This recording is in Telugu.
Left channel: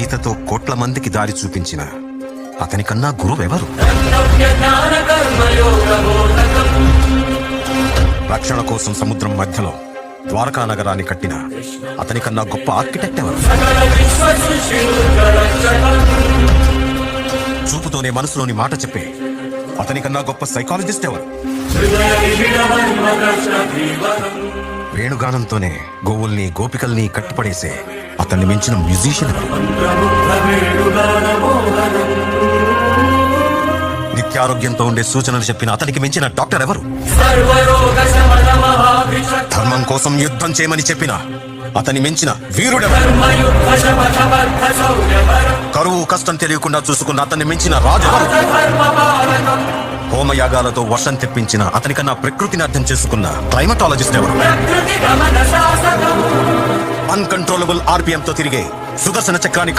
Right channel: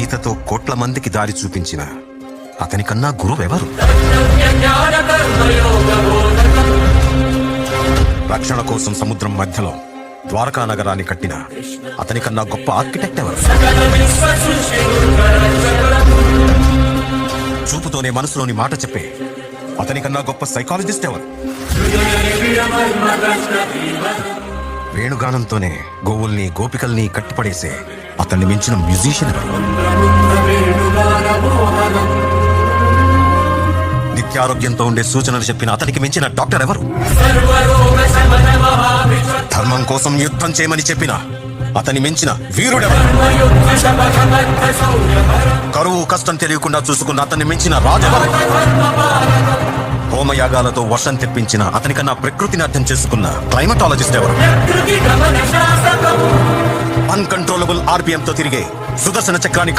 గీతతో కోట్ల మందికి దారి చూపించిన అతనికన్నా గురువెవరు? రక్షణ కోసం సముద్రం మధ్యలో ద్వారకా నగరాన్ని కట్టిన అతనికన్నా గొప్ప ఆర్కిటెక్ట్ ఎవరు? చూపుతోనే మనసులోని మాట చెప్పే అతనికన్నా గొప్ప సైకాలజిస్ట్ ఎవరు? వేణుగానంతోనే గోవుల్ని గోపికల్ని కట్టిపడేసే అతన్ని మించిన మ్యూజిషియన్ ఎవరు? నిత్యారోగ్యంతో ఉండే సూచనలు చెప్పిన అతనికి మించిన డాక్టర్ ఎవరు? ధర్మం కోసం యుద్ధం చేయమని చెప్పిన అతని మించిన వీరుడెవరు? కరువు కష్టం తెలియకుండా చూసుకున్న అతన్ని మించిన రాజెవరు? హోమయాగాలతో వర్షం తెప్పించిన అతనికన్నా ప్రకృతిని అర్థం చేసుకున్న క్లైమటాలజిస్ట్ ఎవరు? అన్కంట్రోలబుల్ ఆర్పిఎం తో తిరిగే సుదర్శన చక్రాన్ని